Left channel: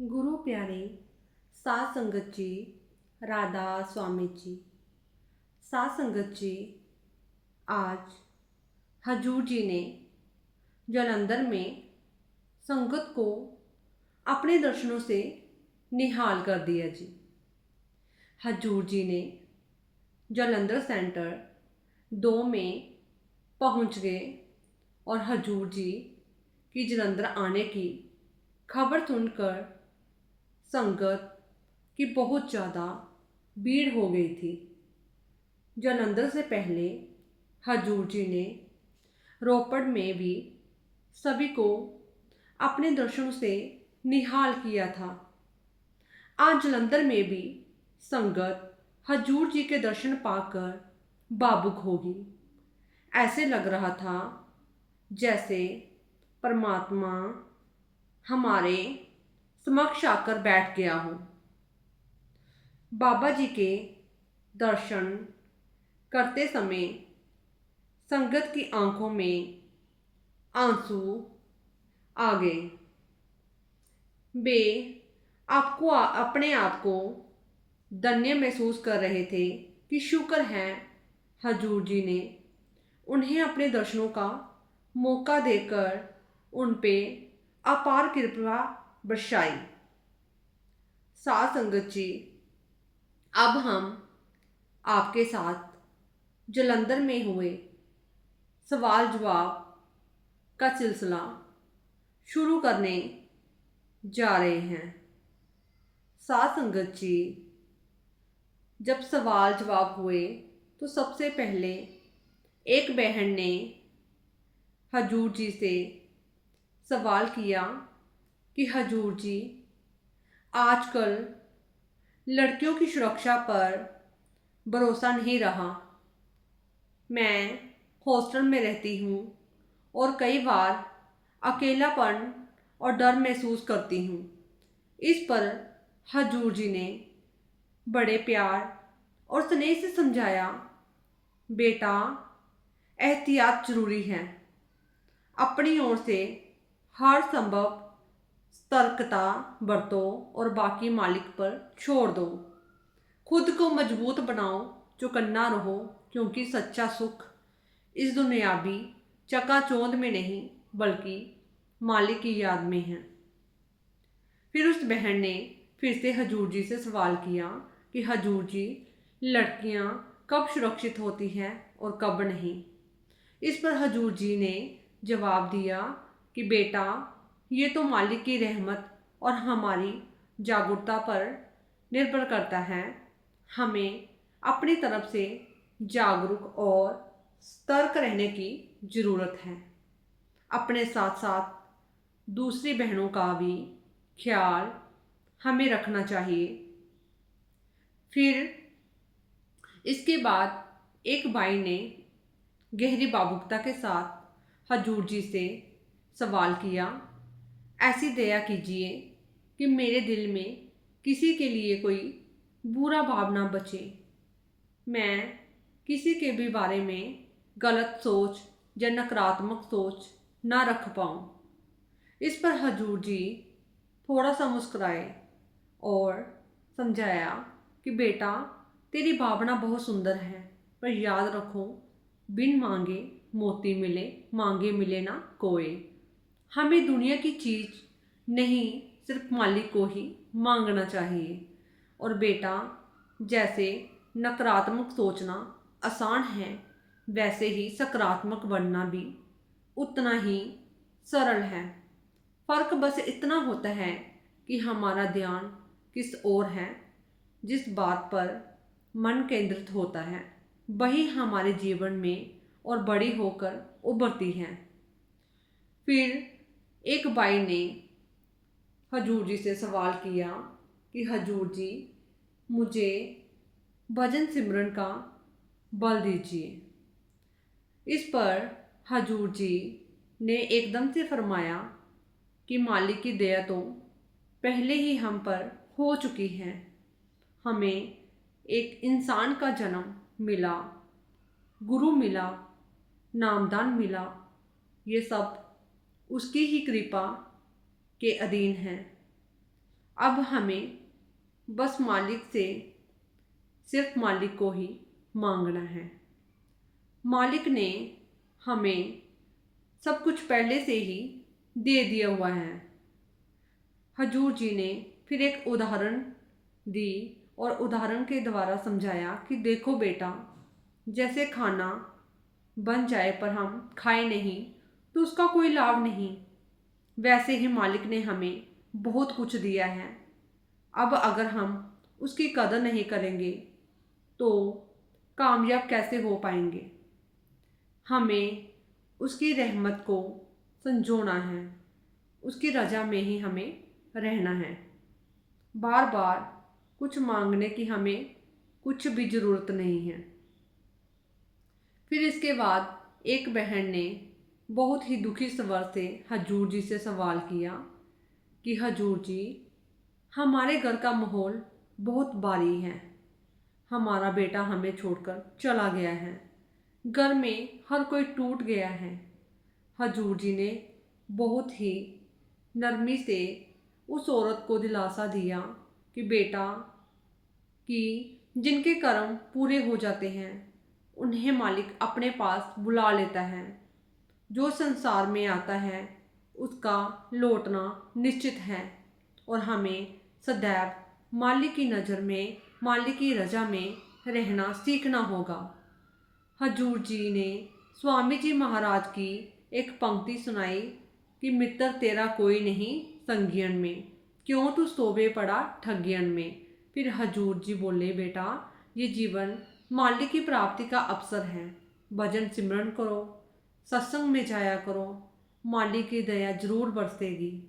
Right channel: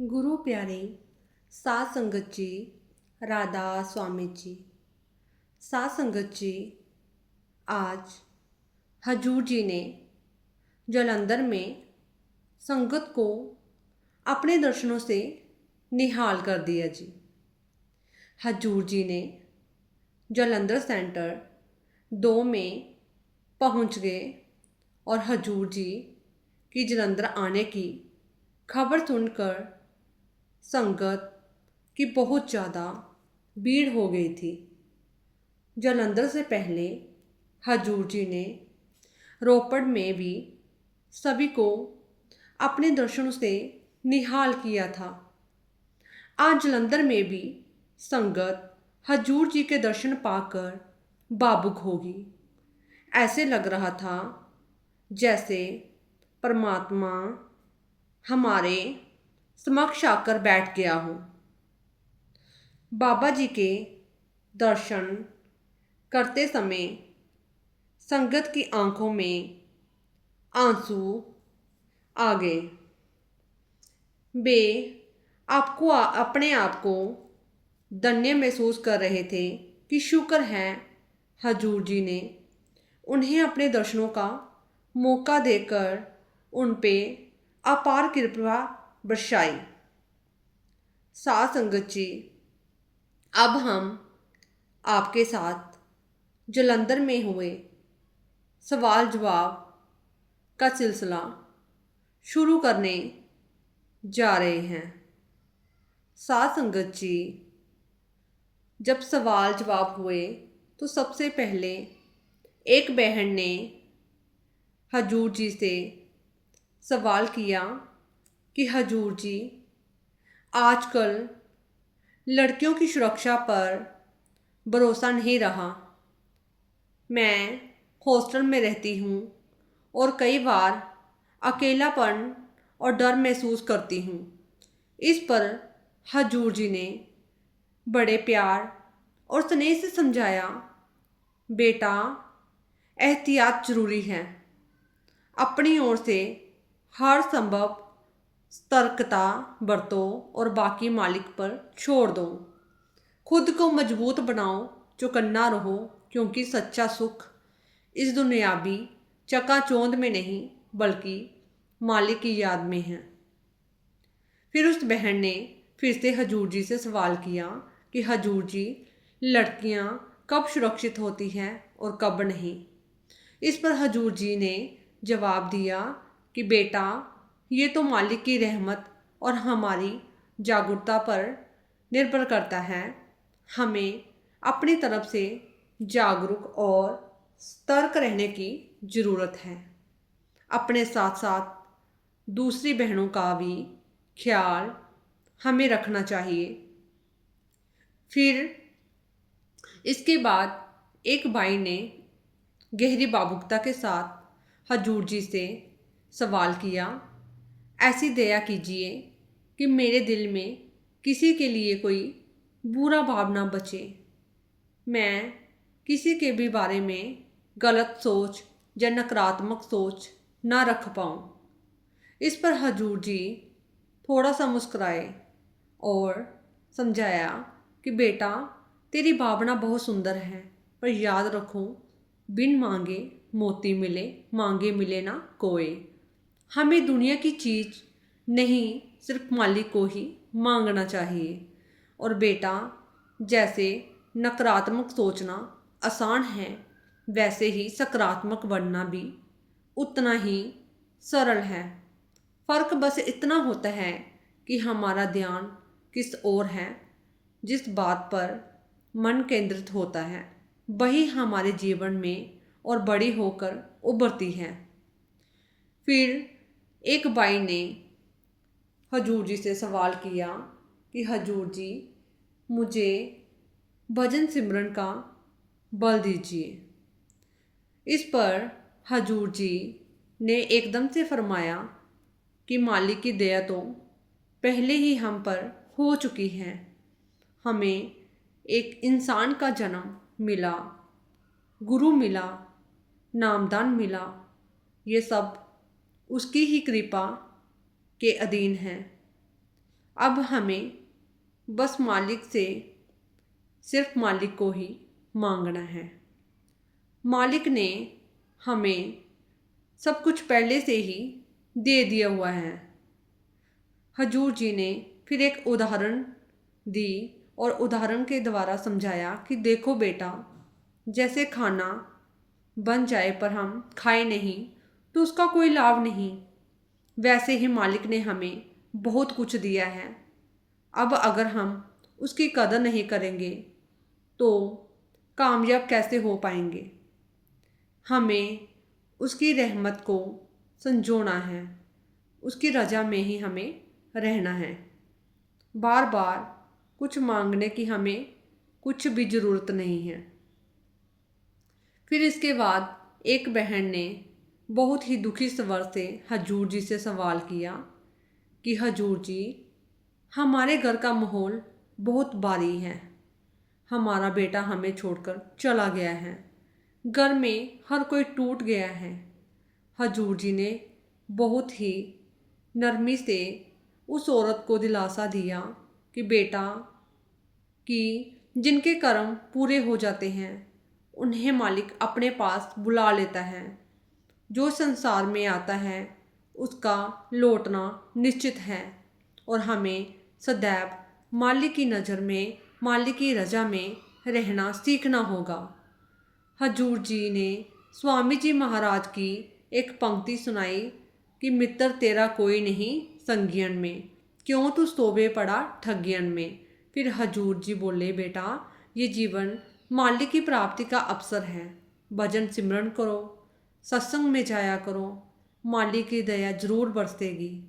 गुरु प्यारे साध संगत जी, राधा स्वामी जी। साध संगत जी, आज हजूर जी ने जालंधर में संगत को अपने दर्शनों से निहाल कर दिया जी। हजूर जी ने जालंधर सेंटर 2 में पहुंच गए और हजूर जी की जालंधर आने की खबर सुनकर संगत की बहुत ज़्यादा भीड़ हो गई थी। जालंधर से पहले हजूर जी ने रोपड़ में भी सभी को अपने दर्शनों से निहाल किया था। आज जालंधर में भी संगत हजूर जी के दर्शन पाकर भावुक होगी। ऐसे लग रहा था जैसे परमात्मा हमारे समक्ष आकर बैठ गया हो। बाबा जी के दर्शन करते समय संगत की आंखों में आंसू आ गए। वे अपने आप को धन्य महसूस कर रहे थे कि शुक्र है हजूर जी ने उन्हें अपने दर्शनों का मौका देकर उन पे अपार कृपा बरसाई। साध संगत जी, अब हम आपके साथ जालंधर में हुए सवाल जवाब का सिलसिला शुरू करने जा रहे हैं। साध संगत जी, जब सवाल जवाब हुए तो सबसे पहले एक बहन ने हजूर जी से सवाल किया कि हजूर जी, आजकल लड़कियों की सुरक्षा पर भरोसा नहीं रहा। मैं हॉस्टल में रहती हूँ और कई बार अकेलापन और डर महसूस करती हूँ। इस पर हजूर जी ने बड़े प्यार और स्नेह से समझाया, बेटा, एहतियात जरूरी है। अपनी ओर से हर संभव सतर्कता बरतो और बाकी मालिक पर छोड़ दो। खुद को मजबूत बनाओ, चौकन्ना रहो, क्योंकि सच्चा सुख इस दुनियावी चकाचौंध में नहीं बल्कि मालिक की याद में है। फिर उस बहन ने फिर से हजूर जी से सवाल किया कि हजूर जी, लड़कियां कब सुरक्षित होती हैं और कब नहीं। इस पर हजूर जी ने जवाब दिया कि बेटा, ये तो मालिक की रहमत और हमारी जागरूकता पर निर्भर करता है। हमें अपनी तरफ से जागरूक और सतर्क रहने की ज़रूरत है। अपने साथ साथ दूसरी बहनों का भी ख्याल हमें रखना चाहिए। फिर इसके बाद एक भाई ने गहरी भावुकता के साथ हजूर जी से सवाल किया, ऐसी दया कीजिए कि मेरे दिल में किसी के लिए कोई बुरा भाव ना बचे। मैं किसी के भी बारे में गलत सोच या नकारात्मक सोच ना रख पाऊँ। इस पर हजूर जी थोड़ा सा मुस्कुराए और समझाया कि बेटा, तेरी भावना बहुत सुंदर है, पर याद रखो, बिन मांगे मोती मिले, मांगे मिले ना कोई। हमें दुनिया की चीज़ नहीं, सिर्फ मालिक को ही मांगना चाहिए। और बेटा, जैसे नकारात्मक सोचना आसान है, वैसे ही सकारात्मक बनना भी उतना ही सरल है। फ़र्क बस इतना होता है कि हमारा ध्यान किस ओर है। जिस बात पर मन केंद्रित होता है वही हमारे जीवन में और बड़ी होकर उभरती है। फिर एक भाई ने हजूर जी से सवाल किया कि हजूर जी, मुझे भजन सिमरन का बल दीजिए। इस पर हजूर जी ने एकदम से फरमाया कि मालिक की दया तो पहले ही हम पर हो चुकी है। हमें एक इंसान का जन्म मिला, गुरु मिला, नामदान मिला, ये सब उसकी ही कृपा के अधीन है। अब हमें बस मालिक से सिर्फ मालिक को ही मांगना है। मालिक ने हमें सब कुछ पहले से ही दे दिया हुआ है। हजूर जी ने फिर एक उदाहरण दी और उदाहरण के द्वारा समझाया कि देखो बेटा, जैसे खाना बन जाए पर हम खाए नहीं तो उसका कोई लाभ नहीं, वैसे ही मालिक ने हमें बहुत कुछ दिया है। अब अगर हम उसकी कदर नहीं करेंगे तो कामयाब कैसे हो पाएंगे। हमें उसकी रहमत को संजोना है, उसकी रजा में ही हमें रहना है। बार बार कुछ मांगने की हमें कुछ भी ज़रूरत नहीं है। फिर इसके बाद एक बहन ने बहुत ही दुखी स्वर से हजूर जी से सवाल किया कि हजूर जी, हमारे घर का माहौल बहुत भारी है, हमारा बेटा हमें छोड़कर चला गया है, घर में हर कोई टूट गया है। हजूर जी ने बहुत ही नरमी से उस औरत को दिलासा दिया कि बेटा, कि जिनके कर्म पूरे हो जाते हैं उन्हें मालिक अपने पास बुला लेता है। जो संसार में आता है उसका लौटना निश्चित है और हमें सदैव मालिक की नज़र में, मालिक की रजा में रहना सीखना होगा। हजूर जी ने स्वामी जी महाराज की एक पंक्ति सुनाई कि मित्र तेरा कोई नहीं संगियन में, क्यों तू सोवे पड़ा ठगियन में। फिर हजूर जी बोले बेटा, ये जीवन मालिक की प्राप्ति का अवसर है, भजन सिमरन करो, सत्संग में जाया करो, मालिक की दया जरूर बरसेगी।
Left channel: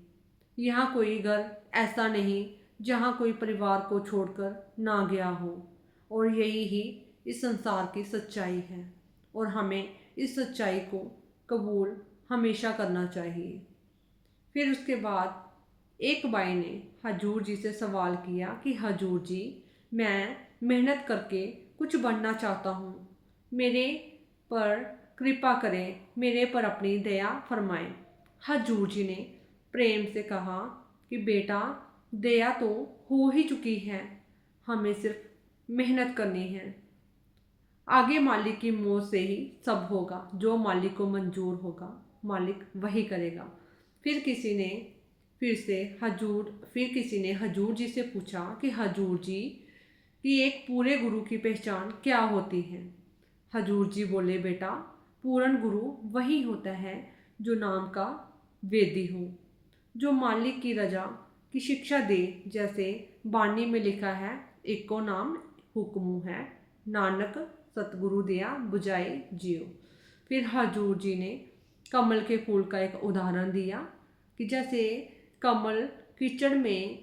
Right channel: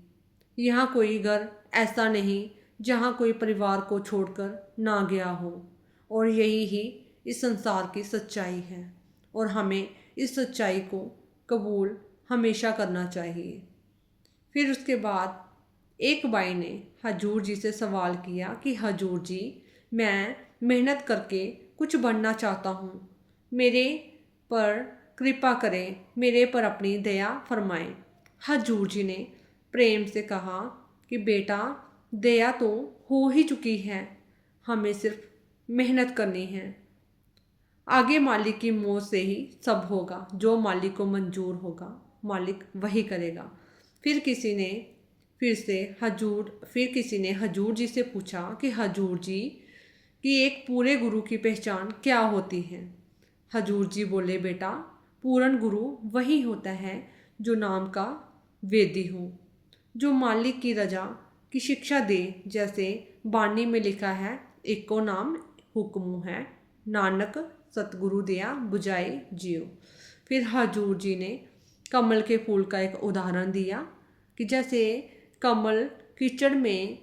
यहाँ कोई घर ऐसा नहीं जहाँ कोई परिवार को छोड़कर ना गया हो, और यही ही इस संसार की सच्चाई है और हमें इस सच्चाई को कबूल हमेशा करना चाहिए। फिर उसके बाद एक भाई ने हजूर जी से सवाल किया कि हजूर जी, मैं मेहनत करके कुछ बनना चाहता हूँ, मेरे पर कृपा करें, मेरे पर अपनी दया फरमाएं। हजूर जी ने प्रेम से कहा कि बेटा, दया तो हो ही चुकी है, हमें सिर्फ मेहनत करनी है। आगे मालिक की मौत से ही सब होगा, जो मालिक को मंजूर होगा मालिक वही करेगा। फिर किसी ने हजूर जी से पूछा कि हजूर जी, कि एक पूरे गुरु की पहचान क्या होती है। हजूर जी बोले बेटा, पूर्ण गुरु वही होता है जो नाम का वेदी हो, जो मालिक की रजा की शिक्षा दे। जैसे बानी में लिखा है, एको नाम हुक्मु है, नानक सतगुरु दिया बुझाई जियो। फिर हजूर जी ने कमल के फूल का एक उदाहरण दिया कि जैसे कमल कीचड़ में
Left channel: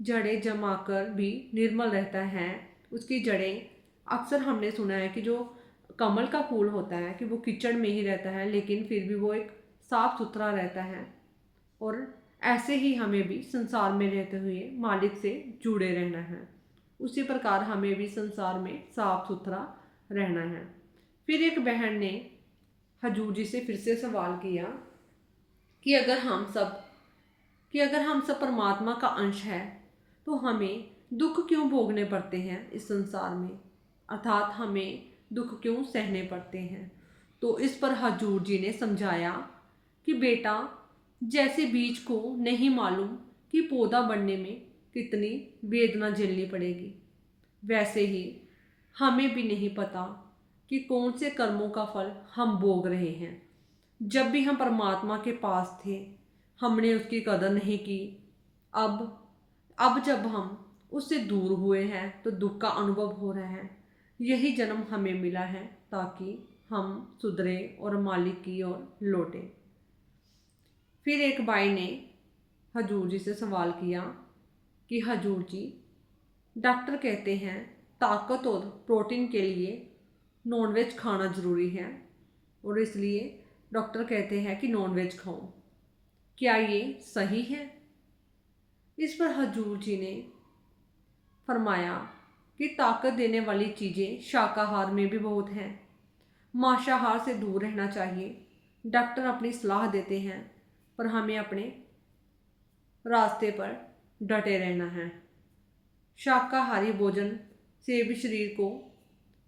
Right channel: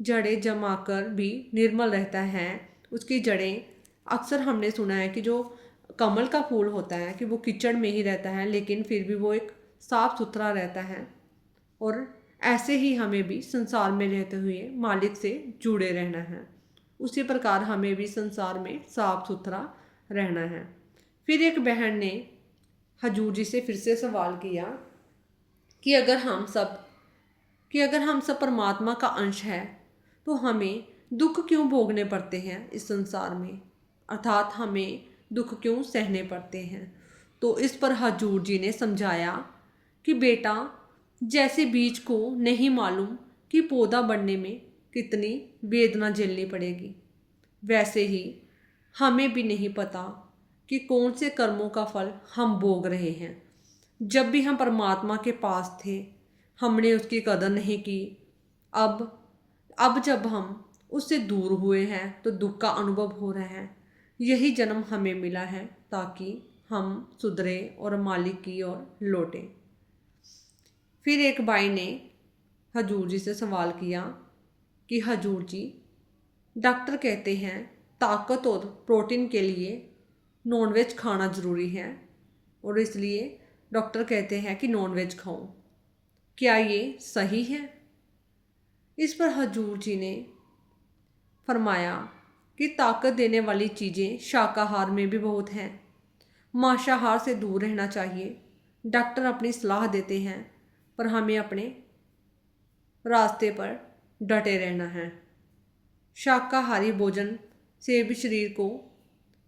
जड़ें जमाकर भी निर्मल रहता है, उसकी जड़ें, अक्सर हमने सुना है कि जो कमल का फूल होता है कि वो कीचड़ में ही रहता है लेकिन फिर भी वो एक साफ सुथरा रहता है। और ऐसे ही हमें भी संसार में रहते हुए मालिक से जुड़े रहना है, उसी प्रकार हमें भी संसार में साफ सुथरा रहना है। फिर एक बहन ने हजूर जी से फिर से सवाल किया कि अगर हम सब परमात्मा का अंश है तो हमें दुख क्यों भोगने पड़ते हैं इस संसार में, अर्थात हमें दुख क्यों सहने पड़ते हैं। तो इस पर हजूर जी ने समझाया कि बेटा, जैसे बीज को नहीं मालूम कि पौधा बढ़ने में कितनी वेदना झेलनी पड़ेगी, वैसे ही हमें भी नहीं पता कि कौन से कर्मों का फल हम भोग रहे हैं। जब भी हम परमात्मा के पास थे हमने उसकी कदर नहीं की। अब जब हम उससे दूर हुए हैं तो दुख का अनुभव हो रहा है। यही जन्म हमें मिला है ताकि हम सुधरे और मालिक की ओर लौटें। फिर एक भाई ने हजूर जी से सवाल किया कि हजूर जी, डॉक्टर कहते हैं ताकत और प्रोटीन के लिए नॉनवेज खाना ज़रूरी है और इसलिए डॉक्टर कहते हैं कि नॉनवेज खाओ, क्या ये सही है? इस पर हजूर जी ने फरमाया कि ताकत देने वाली चीज़ें शाकाहार में भी बहुत हैं, मांसाहार से दूर रहना चाहिए। डॉक्टर अपनी सलाह देते हैं पर हमें अपने रास्ते पर डटे रहना है। शाकाहारी भोजन से भी शरीर को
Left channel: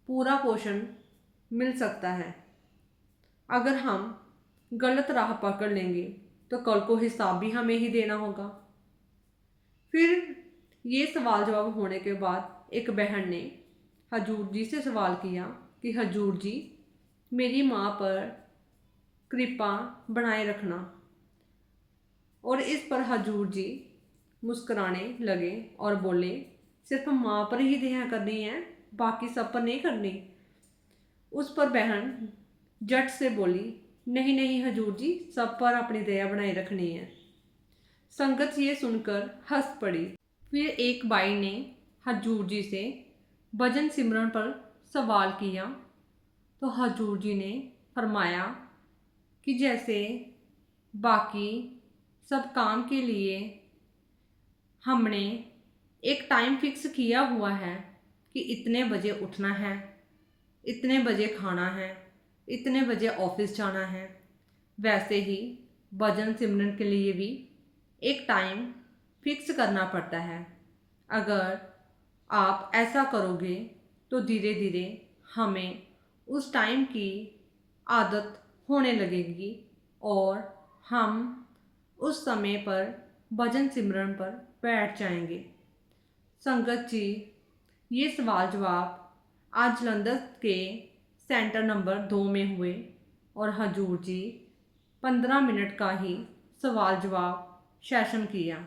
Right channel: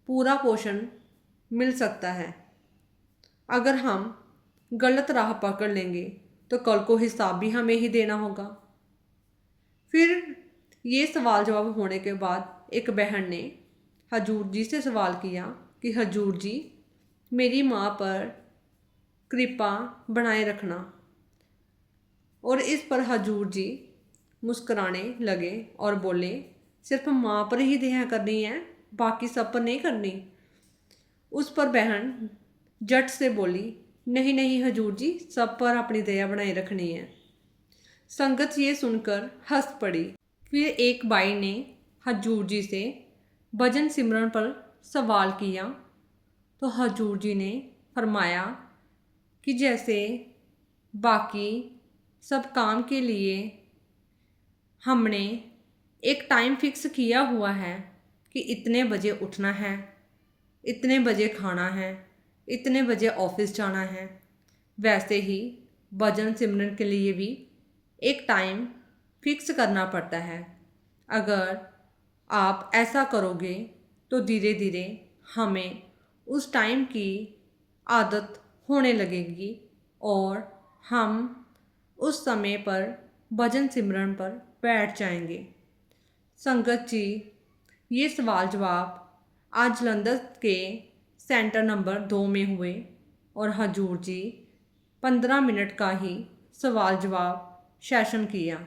पूरा पोषण मिल सकता है। अगर हम गलत राह पकड़ लेंगे तो कल को हिसाब भी हमें ही देना होगा। फिर ये सवाल जवाब होने के बाद एक बहन ने हजूर जी से सवाल किया कि हजूर जी, मेरी माँ पर कृपा बनाए रखना। और इस पर हजूर जी मुस्कुराने लगे और बोले, सिर्फ माँ पर ही दया करनी है, बाकी सब पर नहीं करनी। उस पर बहन झट से बोली, नहीं नहीं हजूर जी, सब पर अपनी दया बनाए रखनी है। संगत ये सुनकर हंस पड़ी। फिर एक बाई ने हजूर जी से भजन सिमरन पर सवाल किया तो हजूर जी ने फरमाया कि जैसे बाकी सब काम के लिए हमने एक टाइम फिक्स किया हुआ है कि इतने बजे उठना है, इतने बजे खाना है, इतने बजे ऑफिस जाना है, वैसे ही भजन सिमरन के लिए भी एक टाइम फिक्स करना पड़ता है। अगर आप ऐसा करोगे तो धीरे धीरे हमें उस टाइम की आदत होने लगेगी और हम उस समय पर भजन सिमरन पर बैठ जाएंगे। संगत जी, ये सवाल जवाब आज जलंधर के सेंटर नंबर 2 में हुए और हजूर जी 15 मिनट का ही सवाल जवाब सेशन किया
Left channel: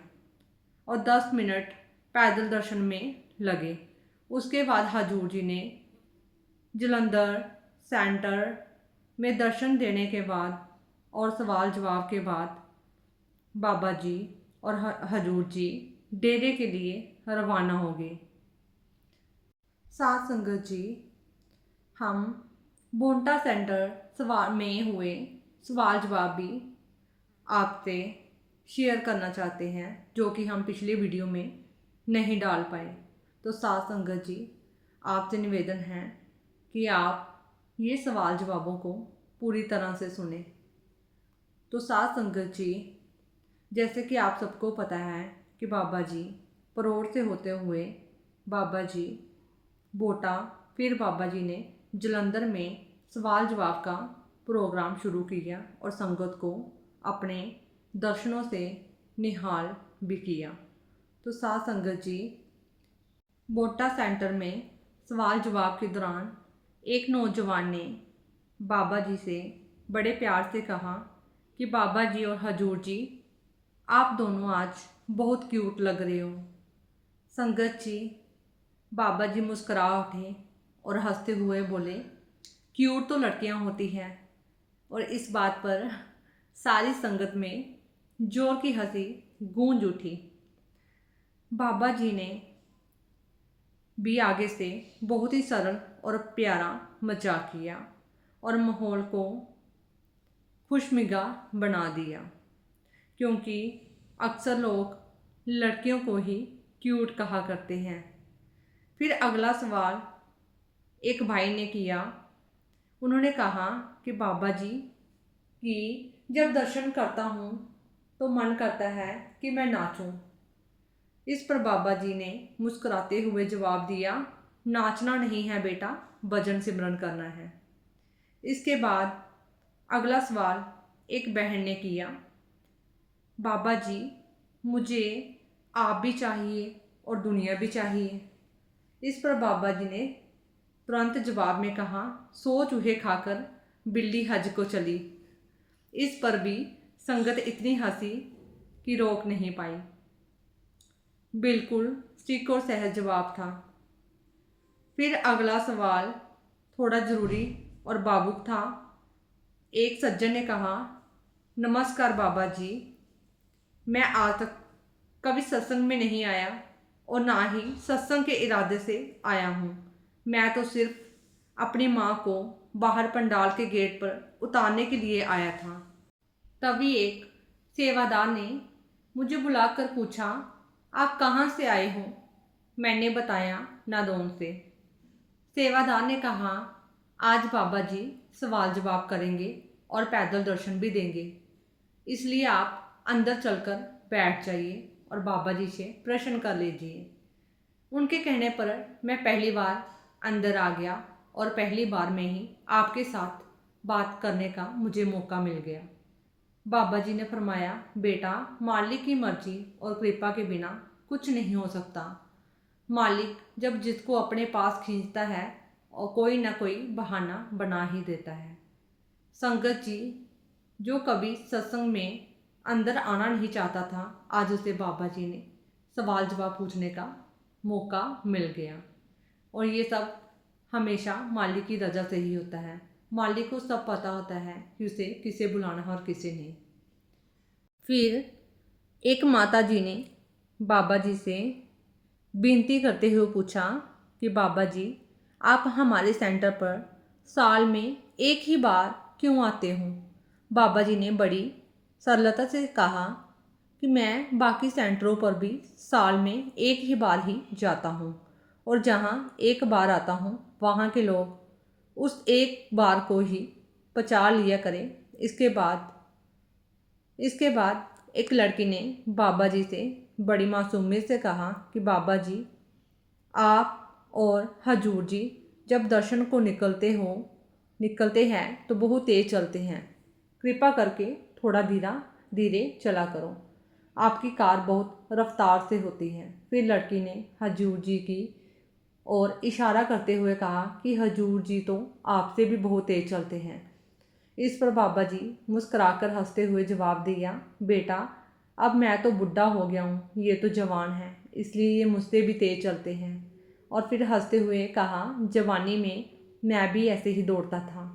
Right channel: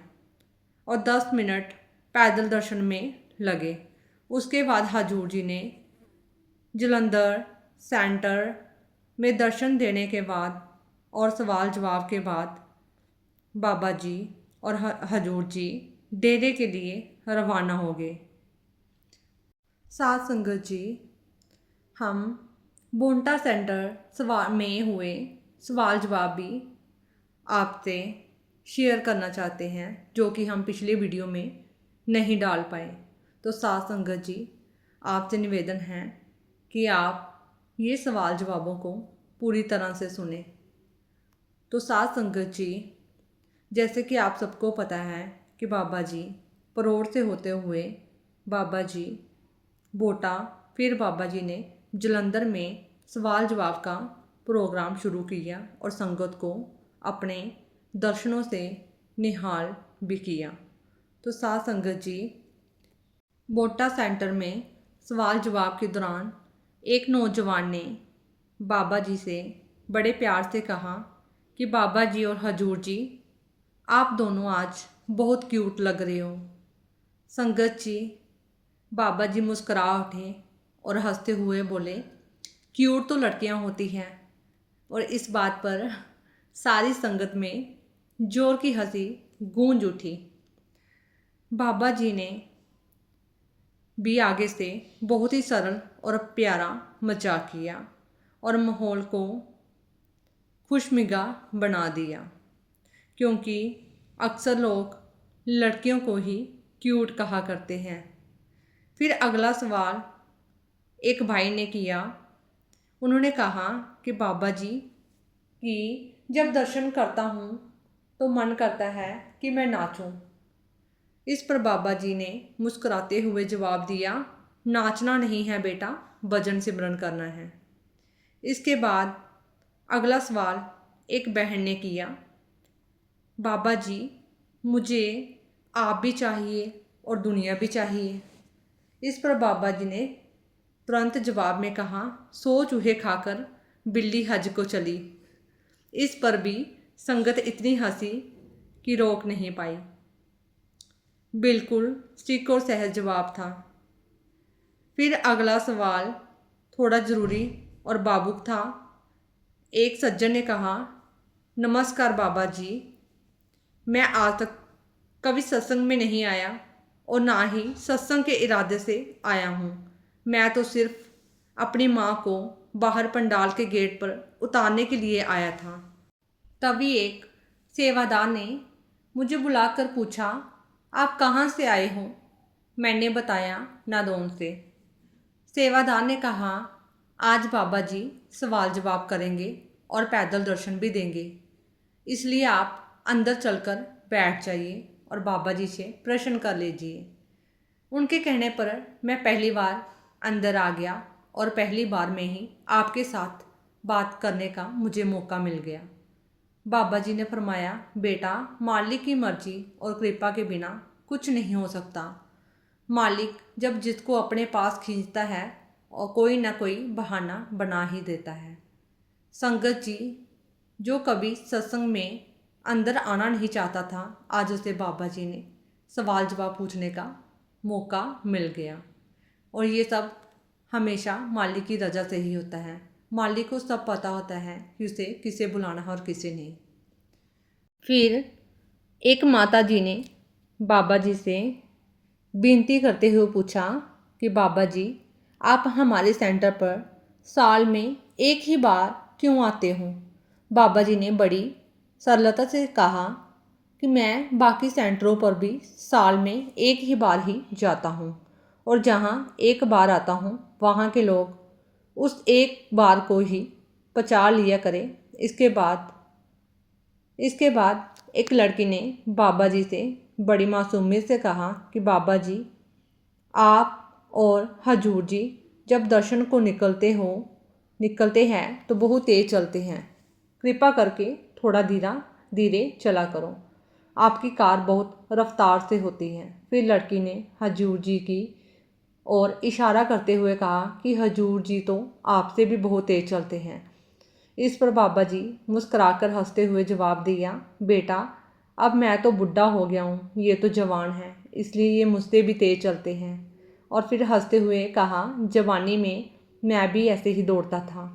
और 10 मिनट पैदल दर्शन में लगे। उसके बाद हजूर जी ने जलंधर सेंटर में दर्शन देने के बाद और सवाल जवाब के बाद बाबा जी और हजूर जी डेरे के लिए रवाना हो गए। साथ संगत जी, हम बोंटा सेंटर में हुए सवाल जवाब भी आपसे शेयर करना चाहते हैं, जो कि हम पिछले वीडियो में नहीं डाल पाए। तो साथ संगत जी, आपसे निवेदन है कि आप ये सवाल जवाबों को पूरी तरह से सुने। तो साथ संगत जी, जैसे कि आप सबको पता है कि बाबा जी परोड़ से होते हुए बाबा जी बोटा, फिर बाबा जी ने जलंधर में सवाल जवाब का प्रोग्राम शुरू किया और संगत को अपने दर्शनों से निहाल भी किया। तो साथ संगत जी, बोटा सेंटर में सवाल जवाब के दौरान एक नौजवान ने बाबा जी से बड़े प्यार से कहा कि बाबा जी और हजूर जी, आप दोनों आज बहुत क्यूट लग रहे हो। संगत जी, बाबा जी मुस्करा उठे और हंसते हुए बोले, क्यूट तो लड़कियां होती हैं। और इस बात पर सारी संगत में जोर की हंसी गूंज उठी। बाबा जी ने भी आगे से बहुत ही सरल और प्यारा मजाक किया और माहौल को खुशमिगा बना दिया, क्योंकि अक्सर लोग लड़कियों को ही क्यूट कहा करते हैं। फिर अगला सवाल एक भाई ने किया। उन्होंने कहा कि बाबा जी कि जब दर्शन करता हूँ तो मन करता है कि मैं नाचूं। इस पर बाबा जी ने मुस्कुराते हुए जवाब दिया, नाचना नहीं है बेटा, भजन सिमरन करना है। इसके बाद अगला सवाल एक बहन ने किया, बाबा जी मुझे आप भी चाहिए और दुनिया भी चाहिए। इस पर बाबा जी ने तुरंत जवाब में कहा, 100 चूहे खाकर बिल्ली हज को चली। इस पर भी संगत इतनी हंसी कि रोक नहीं पाई। बिल्कुल स्टिक और सहज जवाब था। फिर अगला सवाल थोड़ा ज़रूरी और भावुक था। एक सज्जन ने कहा, नमस्कार बाबा जी, मैं आज तक कभी सत्संग में नहीं आया और ना ही सत्संग के इरादे से आया हूँ। मैं तो सिर्फ अपनी माँ को बाहर पंडाल के गेट पर उतारने के लिए आया था। तभी एक सेवादार ने मुझे बुलाकर पूछा, आप कहाँ से आए हो? मैंने बताया, नादौन से। सेवादार ने कहा, आज बाबा जी सवाल जवाब करेंगे और पैदल दर्शन भी देंगे, इसलिए आप अंदर चलकर बैठ जाइए और बाबा जी से प्रश्न कर लीजिए। उनके कहने पर मैं पहली बार अंदर आ गया और पहली बार में ही आपके साथ बात करने का मुझे मौका मिल गया। बाबा जी ने फरमाया, बेटा, मालिक की मर्जी और कृपा के बिना कुछ नहीं हो सकता। मालिक जब जिसको अपने पास खींचता है और कोई ना कोई बहाना बना ही देता है। संगत जी, जो कभी सत्संग में अंदर आना नहीं चाहता था, आज उसे बाबा जी ने सवाल जवाब पूछने का मौका मिल गया। और ये सब हमेशा मालिक की रजा से ही होता है। मालिक को सब पता होता है कि उसे किसे बुलाना है और किसे नहीं। फिर एक माता जी ने बाबा जी से विनती करते हुए पूछा कि बाबा जी, आप हमारे सेंटर पर साल में एक ही बार क्यों आते हो? बाबा जी ने बड़ी सरलता से कहा कि मैं बाकी सेंटरों पर भी साल में एक ही बार ही जाता हूँ और जहाँ एक बार आता हूँ वहाँ के लोग उस एक बार को ही पचा लिया करें। इसके बाद एक लड़की ने बाबा जी से बड़ी मासूमियत से कहा कि बाबा जी, आप और हजूर जी जब दर्शन को निकलते हैं तो बहुत तेज चलते हैं। कृपा करके थोड़ा धीरे चला करो, आपकी कार बहुत रफ्तार से होती है। फिर लड़की ने हजूर जी की और इशारा करते हुए कहा कि हजूर जी तो आपसे भी बहुत तेज चलते हैं। इस पर बाबा जी मुस्कुराकर हंसते हुए जवाब दिया, बेटा, अब मैं तो बुढ़ा हो गया हूँ, ये तो जवान है, इसलिए ये मुझसे भी तेज चलते हैं। और फिर हंसते हुए कहा, जवानी में मैं भी ऐसे ही दौड़ता था।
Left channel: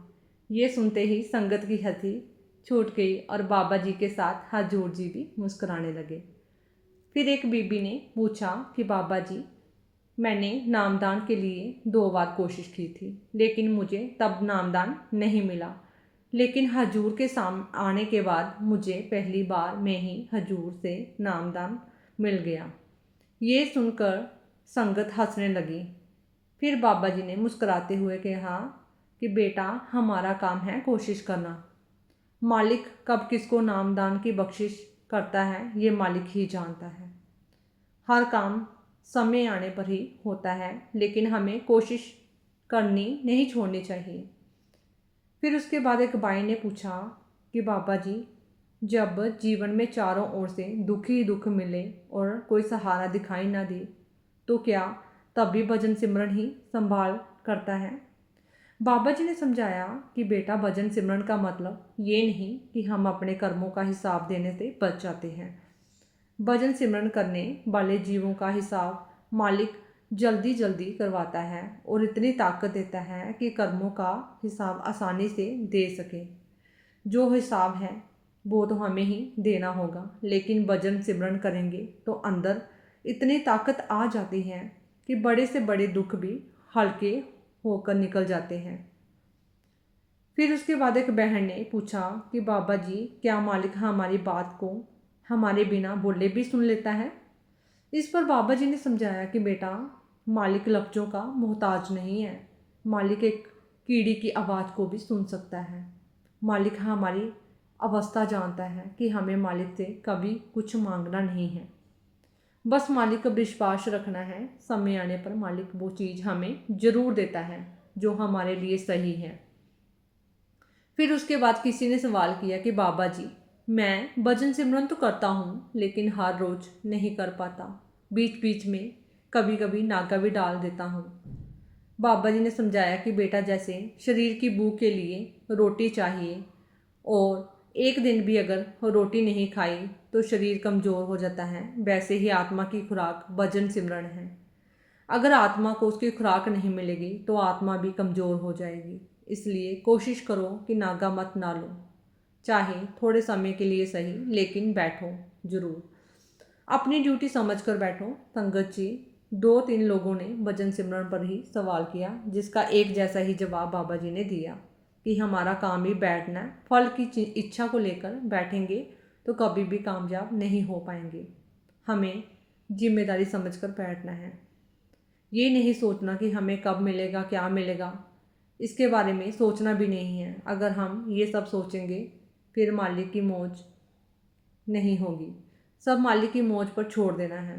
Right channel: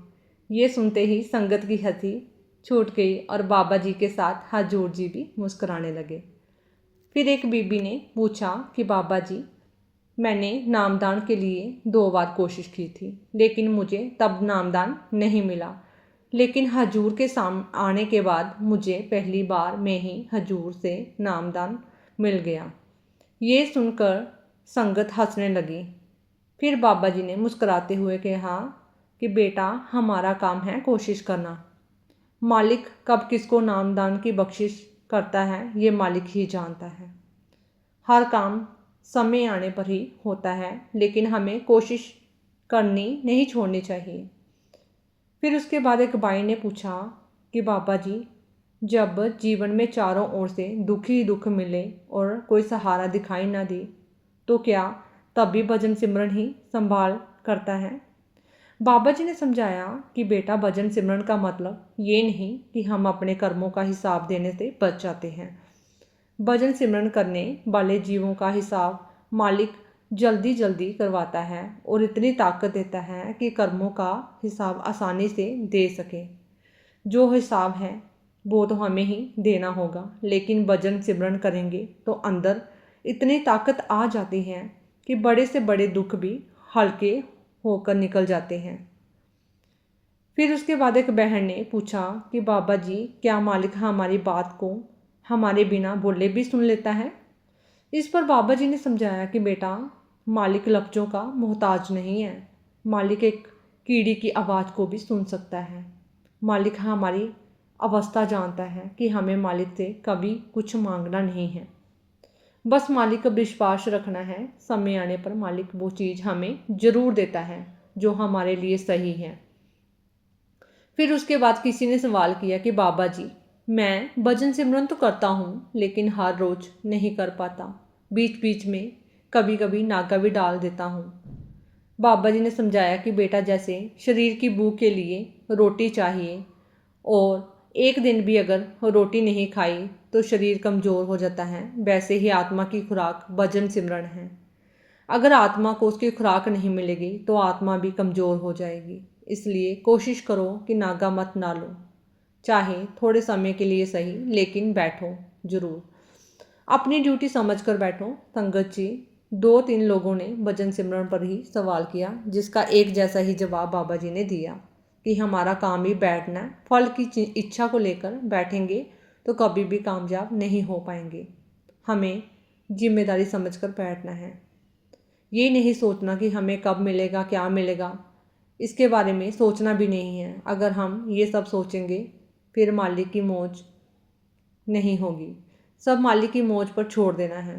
ये सुनते ही संगत की हंसी छूट गई और बाबा जी के साथ हजूर जी भी मुस्कुराने लगे। फिर एक बीबी ने पूछा कि बाबा जी, मैंने नामदान के लिए 2 बार कोशिश की थी, लेकिन मुझे तब नामदान नहीं मिला। लेकिन हजूर के आने के बाद मुझे पहली बार में ही हजूर से नामदान मिल गया। ये सुनकर संगत हंसने लगी। फिर बाबा जी ने मुस्कुराते हुए कहा कि बेटा, हमारा काम है कोशिश करना। मालिक कब किसको नामदान की बख्शिश करता है ये मालिक ही जानता है। हर काम समय आने पर ही होता है, लेकिन हमें कोशिश करनी नहीं छोड़नी चाहिए। फिर उसके बाद एक बाई ने पूछा कि बाबा जी, जब जीवन में चारों ओर से दुख ही दुख मिले और कोई सहारा दिखाई ना दे, तो क्या तब भी भजन सिमरन ही संभाल करता है? बाबा जी ने समझाया कि बेटा, भजन सिमरन का मतलब ये नहीं कि हम अपने कर्मों का हिसाब देने से बच जाते हैं। भजन सिमरन करने वाले जीवों का हिसाब मालिक जल्दी जल्दी करवाता है और इतनी ताकत देता है कि कर्मों का हिसाब आसानी से दे सके। जो हिसाब है वो तो हमें ही देना होगा, लेकिन भजन सिमरन करेंगे तो अंदर इतनी ताकत आ जाती है कि बड़े से बड़े दुख भी हल्के होकर निकल जाते हैं। फिर उसके बाद एक बहन ने पूछा कि बाबा जी, क्या मालिक हमारी बात को हमारे बिना बोले भी सुन लेता है? इस पर बाबा जी ने समझाया कि बेटा, मालिक लफ्ज़ों का मोहताज नहीं है। मालिक एक कीड़ी की आवाज़ को भी सुन सकता है। मालिक हमारी अवस्था जानता है कि हमें मालिक से कभी कुछ मांगना नहीं है, बस मालिक का विश्वास रखना है। समय आने पर मालिक वो चीज़ हमें ज़रूर देता है जो हमारे लिए सही है। फिर उसके बाद किसी ने सवाल किया कि बाबा जी, मैं भजन सिमरन तो करता हूँ, लेकिन हर रोज़ नहीं कर पाता। बीच बीच में कभी कभी नागा भी डाल देता हूँ। बाबा जी ने समझाया कि बेटा, जैसे शरीर की भूख के लिए रोटी चाहिए और एक दिन भी अगर रोटी नहीं खाई तो शरीर कमज़ोर हो जाता है, वैसे ही आत्मा की खुराक भजन सिमरन है। अगर आत्मा को उसकी खुराक नहीं मिलेगी तो आत्मा भी कमज़ोर हो जाएगी। इसलिए कोशिश करो कि नागा मत ना लो, चाहे थोड़े समय के लिए सही, लेकिन बैठो ज़रूर। अपनी ड्यूटी समझकर बैठो। संगत जी, 2-3 लोगों ने भजन सिमरन पर ही सवाल किया, जिसका एक जैसा ही जवाब बाबा जी ने दिया कि हमारा काम ही बैठना है। फल की इच्छा को लेकर बैठेंगे तो कभी भी कामयाब नहीं हो पाएंगे। हमें जिम्मेदारी समझकर बैठना है। ये नहीं सोचना कि हमें कब मिलेगा, क्या मिलेगा, इसके बारे में सोचना भी नहीं है। अगर हम ये सब सोचेंगे फिर मालिक की मौज नहीं होगी। सब मालिक की मौज पर छोड़ देना है।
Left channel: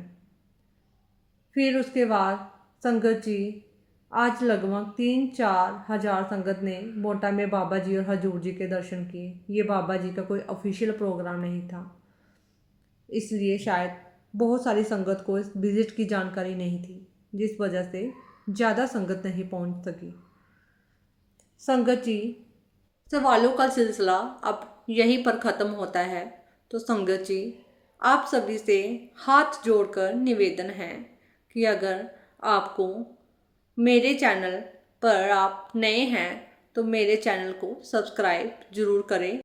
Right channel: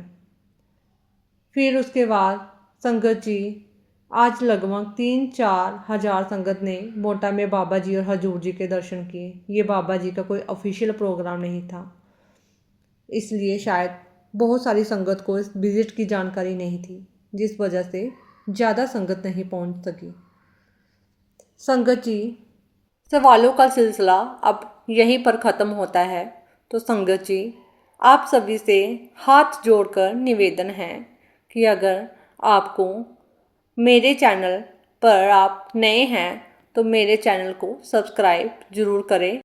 फिर उसके बाद संगत जी आज लगभग 3-4 हज़ार संगत ने मोटा में बाबा जी और हजूर जी के दर्शन किए। ये बाबा जी का कोई ऑफिशियल प्रोग्राम नहीं था, इसलिए शायद बहुत सारी संगत को इस विज़िट की जानकारी नहीं थी, जिस वजह से ज़्यादा संगत नहीं पहुंच सकी। संगत जी, सवालों का सिलसिला अब यहीं पर ख़त्म होता है। तो संगत जी, आप सभी से हाथ जोड़कर निवेदन है कि अगर आपको मेरे चैनल पर आप नए हैं तो मेरे चैनल को सब्सक्राइब ज़रूर करें